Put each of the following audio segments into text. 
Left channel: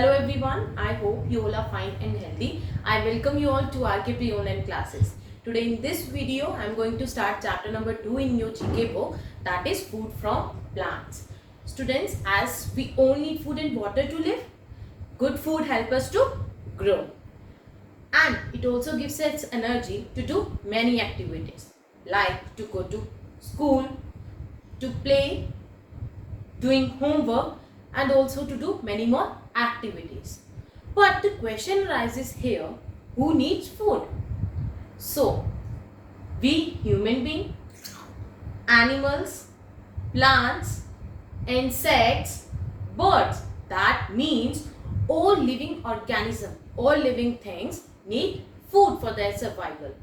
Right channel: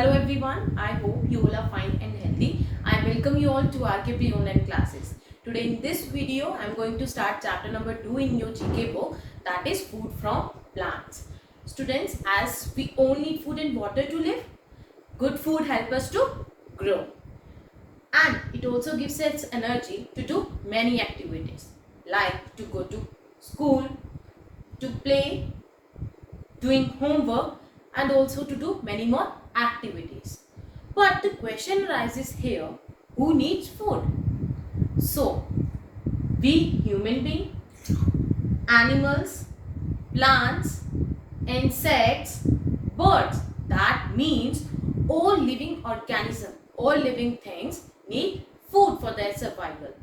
Hello everyone, I hope you all are fine and healthy. I welcome you all to RKP online classes. Today in this video, I am going to start chapter number 2 in your GK book, that is food from plants. Students, as we all need food and water to live, good food helps us to grow. And it also gives us energy to do many activities like to go to school, to play, doing homework, and also to do many more activities. But the question arises here, who needs food? So, we human beings, animals, plants, insects, birds, that means all living organisms, all living things need food for their survival.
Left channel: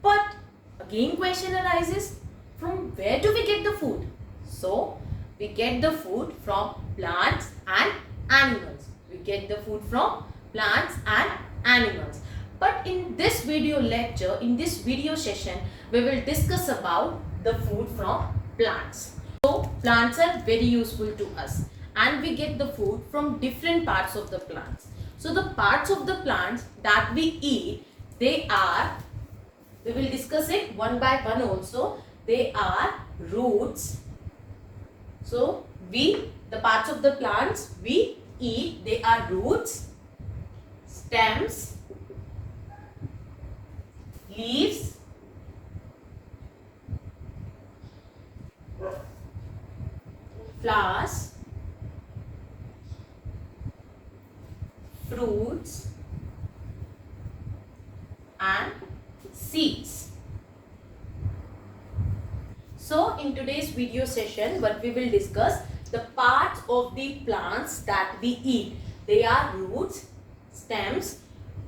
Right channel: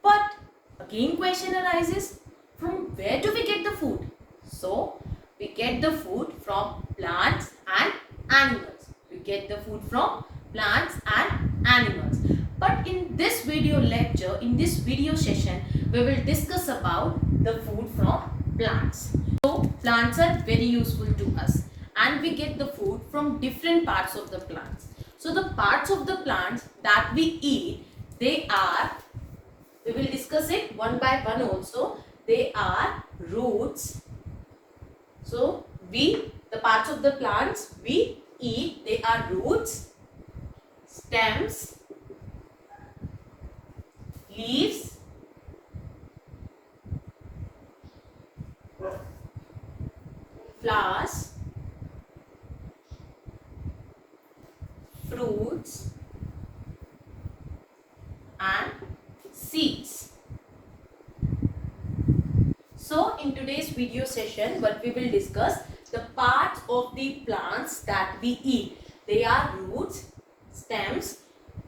But again question arises, from where do we get the food? So, we get the food from plants and animals. We get the food from plants and animals. But in this video lecture, in this video session, we will discuss about the food from plants. So, plants are very useful to us and we get the food from different parts of the plants. So, the parts of the plants that we eat, we will discuss it one by one also. They are roots. So, the parts of the plants we eat, they are roots, stems, leaves, flowers, fruits, and seeds. So in today's video session, what we will discuss, the parts of the plants that we eat. They are roots, stems,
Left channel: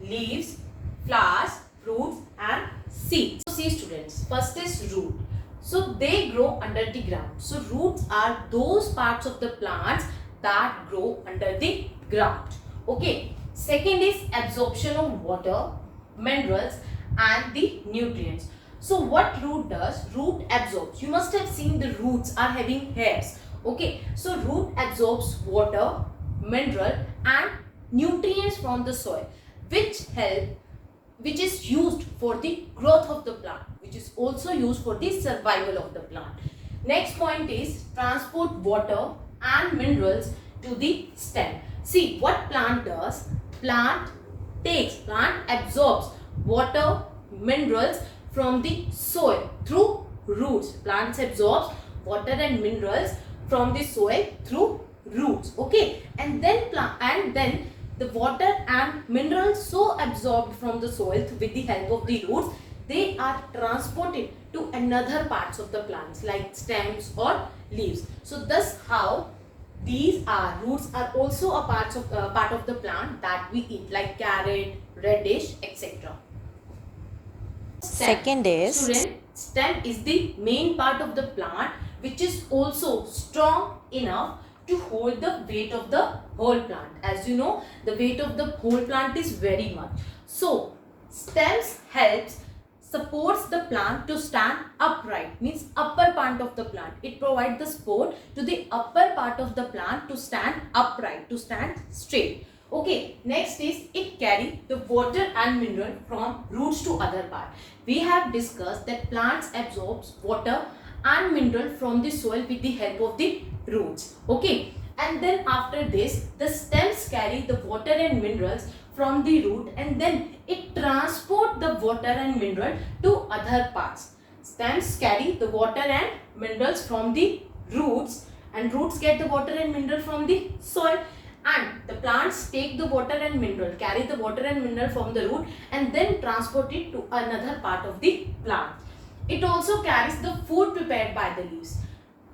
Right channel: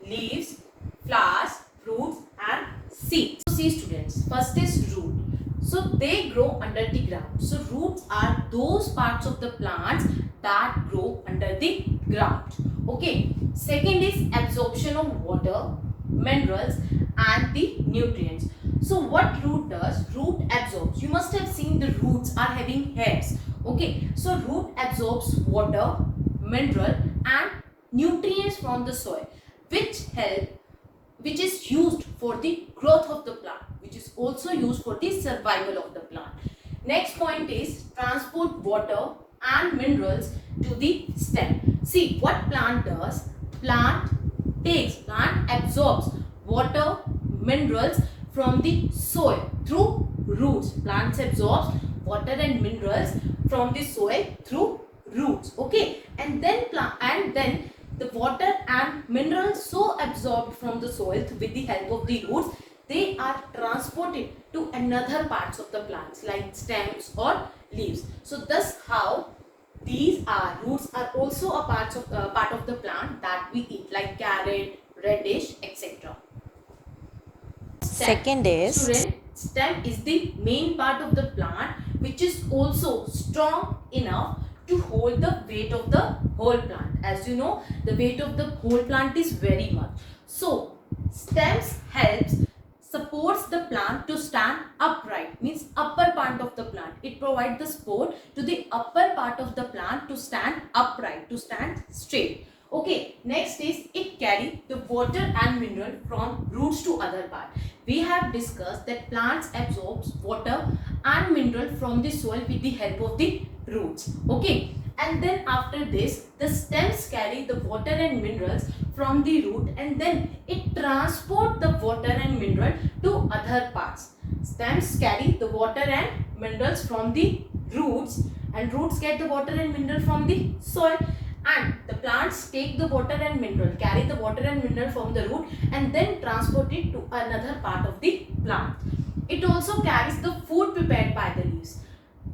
leaves, flowers, fruits and seeds. So see students, first is root. So they grow under the ground. So roots are those parts of the plants that grow under the ground. Okay. Second is absorption of water, minerals and the nutrients. So what root does? Root absorbs. You must have seen the roots are having hairs. Okay. So root absorbs water, mineral and nutrients from the soil, which is used for the growth of the plant, which is also used for the survival of the plant. Next point is transport water and minerals to the stem. See what plant does? Plant absorbs water, minerals from the soil through roots. Plants absorbs water and minerals from the soil through roots. Okay, and then the water and minerals so absorbed from the soil with the help of the roots, they are transported to another parts of the plants like stems or leaves. So thus how these roots are also a part of the plant that we eat, like carrot, radish, etc. Second is Student, stem is the main part of the plant which is also strong enough to hold the weight of the whole plant. As you know, the weight of the whole plant is very much. So, stems supports the plant to stand upright, means upper part of the plant. It provides the support to the upper part of the plant to stand upright, to stand straight. Okay, next is it carries the water and mineral from roots to other part. We have discussed that plants absorbs water and mineral from the soil with the help of the roots. Okay, and then after this, the stems carry the water and minerals from the root and then it transport the water and mineral to other parts. Stems carry the water and minerals from the roots and roots get the water and mineral from the soil, and the plants take the water and mineral, carry the water and mineral from the root and then transport it to another part of the plant. It also carries the food prepared by the leaves.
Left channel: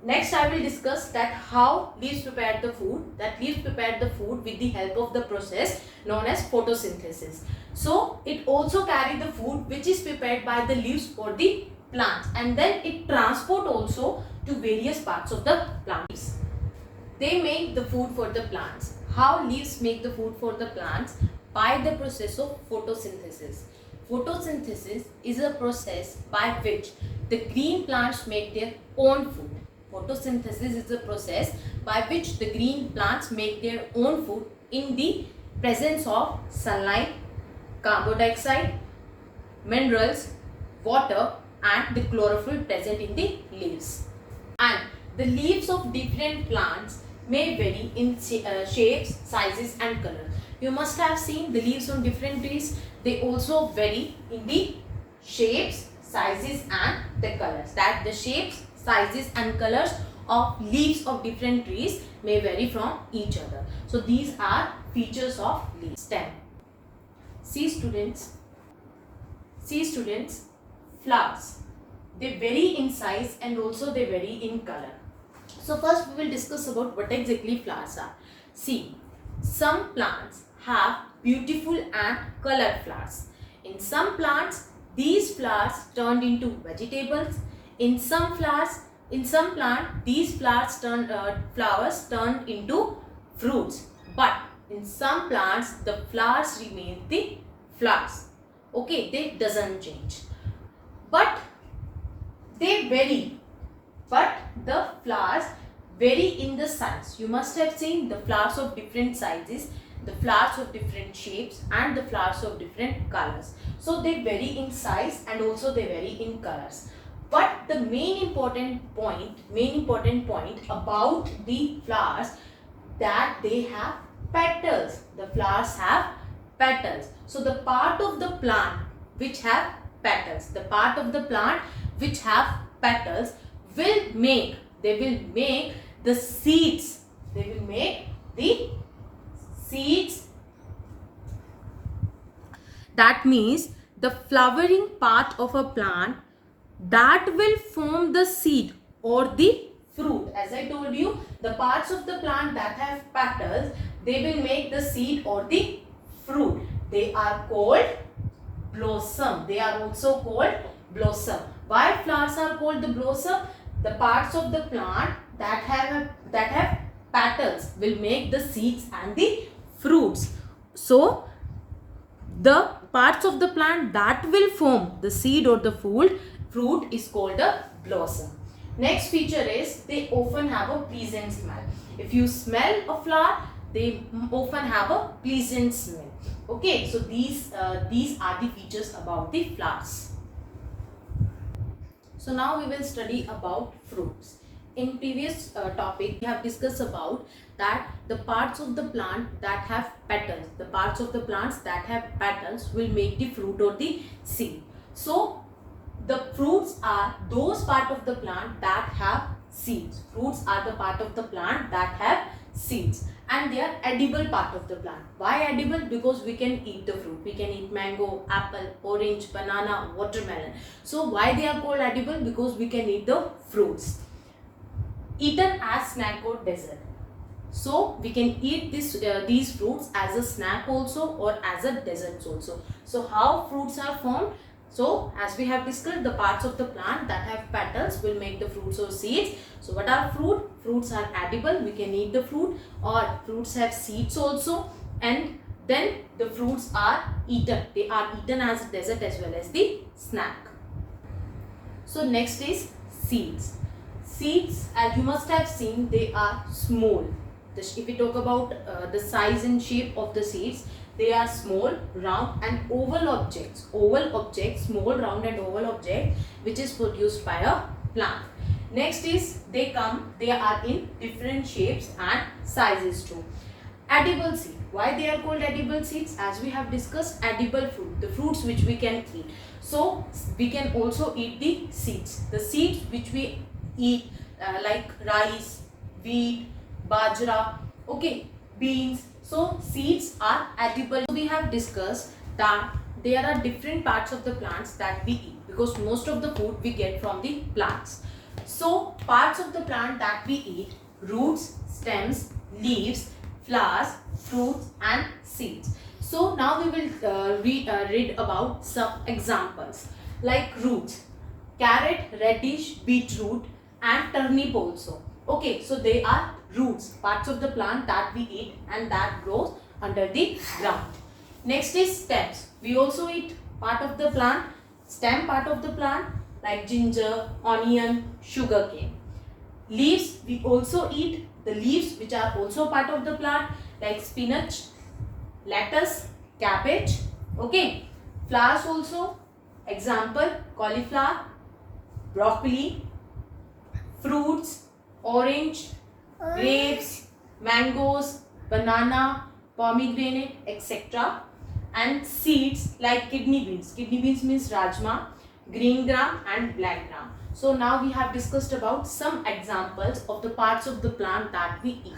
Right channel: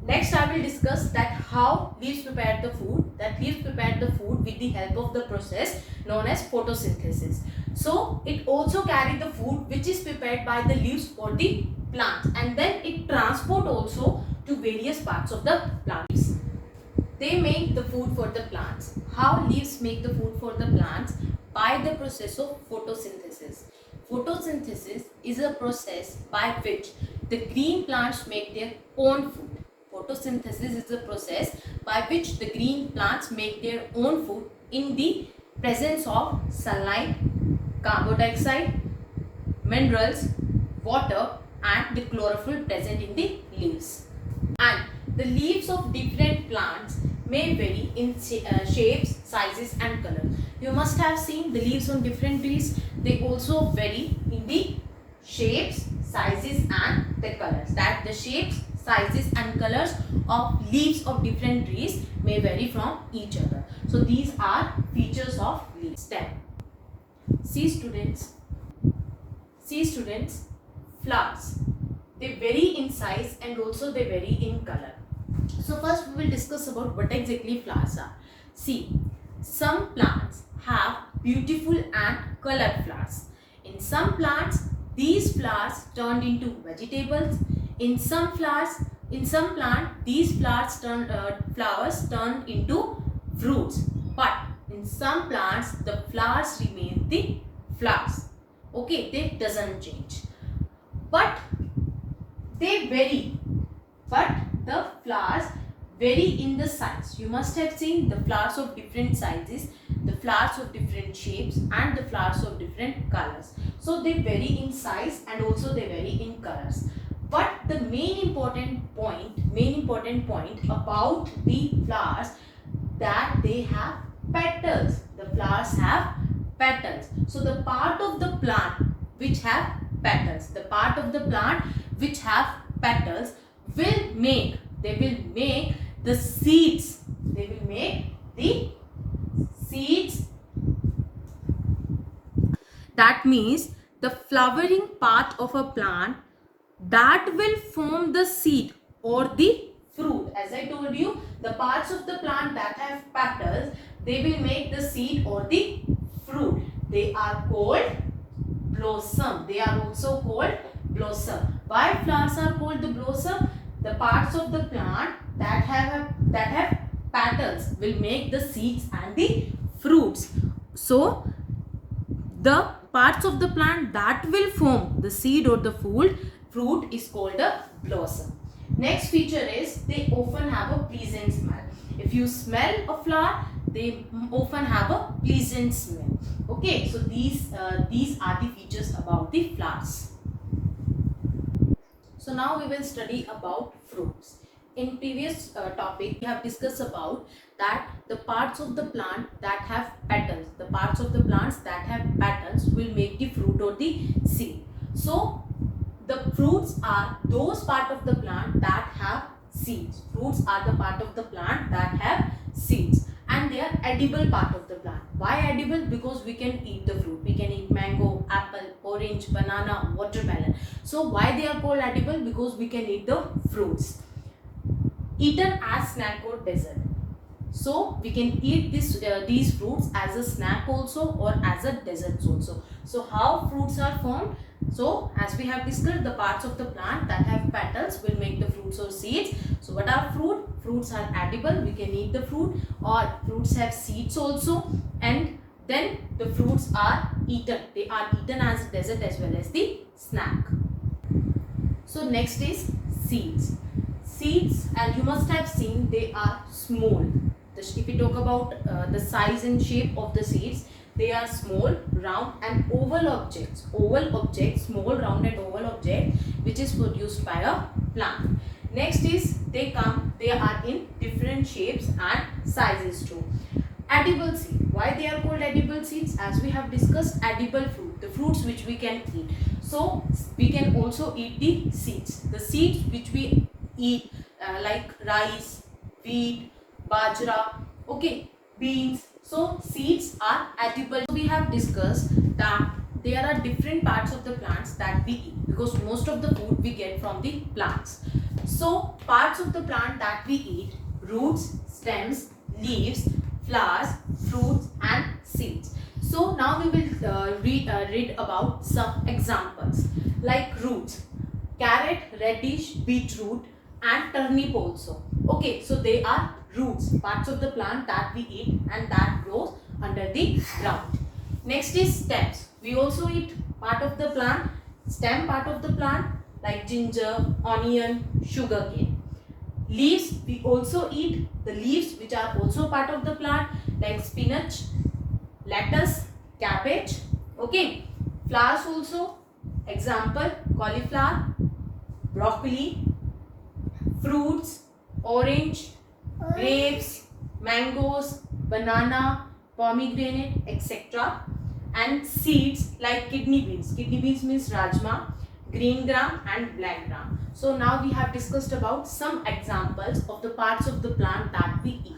Next I will discuss that how leaves prepare the food. That leaves prepare the food with the help of the process known as photosynthesis. So it also carry the food which is prepared by the leaves for the plant and then it transport also to various parts of the plants. They make the food for the plants. How leaves make the food for the plants? By the process of photosynthesis. Photosynthesis is a process by which the green plants make their own food. Photosynthesis is a process by which the green plants make their own food in the presence of sunlight, carbon dioxide, minerals, water and the chlorophyll present in the leaves. And the leaves of different plants may vary in shapes, sizes and colors. You must have seen the leaves on different trees. They also vary in the shapes, sizes and the colors. That the shapes, sizes and colors of leaves of different trees may vary from each other. So these are features of leaf stem. See students, flowers. They vary in size and also they vary in color. So first we will discuss about what exactly flowers are. See, some plants have beautiful and colored flowers. In some plants, these flowers turned into vegetables. In some plants, these flowers turn into fruits. But in some plants, the flowers remain the flowers. Okay, they doesn't change. But they vary. But the flowers vary in the size. You must have seen the flowers of different sizes, the flowers of different shapes and the flowers of different colors. So they vary in size and also they vary in colors. But the main important point about the flowers, that they have petals. The flowers have petals. So the part of the plant which have petals, will make the seeds. They will make the seeds. That means the flowering part of a plant that will form the seed or the fruit. As I told you, the parts of the plant that have petals, they will make the seed or the fruit. They are called blossom. They are also called blossom. Why flowers are called the blossom? The parts of the plant that have petals will make the seeds and the fruits. So the parts of the plant that will form the seed or the fruit is called a blossom. Next feature is they often have a pleasant smell. If you smell a flower, they often have a pleasant smell. Okay, so these are the features about the flowers. So now we will study about fruits. In previous topic, we have discussed about that the parts of the plant that have petals, will make the fruit or the seed. So the fruits are those part of the plant that have seeds. Fruits are the part of the plant that have seeds. And they are edible part of the plant. Why edible? Because we can eat the fruit. We can eat mango, apple, orange, banana, watermelon. So why they are called edible? Because we can eat the fruits. Eaten as snack or dessert. So we can eat these fruits as a snack also or as a dessert also. So how fruits are formed? So as we have discussed, the parts of the plant that have petals will make the fruits or seeds. So what are fruit? Fruits are edible. We can eat the fruit, or fruits have seeds also, and then the fruits are eaten. They are eaten as a dessert as well as the snack. So next is seeds. Seeds, as you must have seen, they are small. If we talk about the size and shape of the seeds, they are small, round and oval objects. Small, round and oval object which is produced by a plant. Next is they are in different shapes and sizes too. Edible seed. Why they are called edible seeds? As we have discussed, edible fruit, the fruits which we can eat. So we can also eat the seeds. The seeds which we eat like rice, wheat, bajra, okay, beans. So seeds are edible. We have discussed that there are different parts of the plants that we eat, because most of the food we get from the plants. So parts of the plant that we eat: roots, stems, leaves, flowers, fruits and seeds. So now we will read about some examples like roots: carrot, radish, beetroot and turnip also. Okay, so they are roots, parts of the plant that we eat and that grows under the ground. Next is stems. We also eat part of the plant, stem part of the plant like ginger, onion, sugarcane. Leaves, we also eat the leaves which are also part of the plant. like spinach, lettuce, cabbage. Okay. Flowers also, example cauliflower, broccoli, fruits, orange, grapes, mangoes, banana, pomegranate, etc. And seeds like kidney beans. Kidney beans means rajma, green gram and black gram. So now we have discussed about some examples of the parts of the plant that we eat.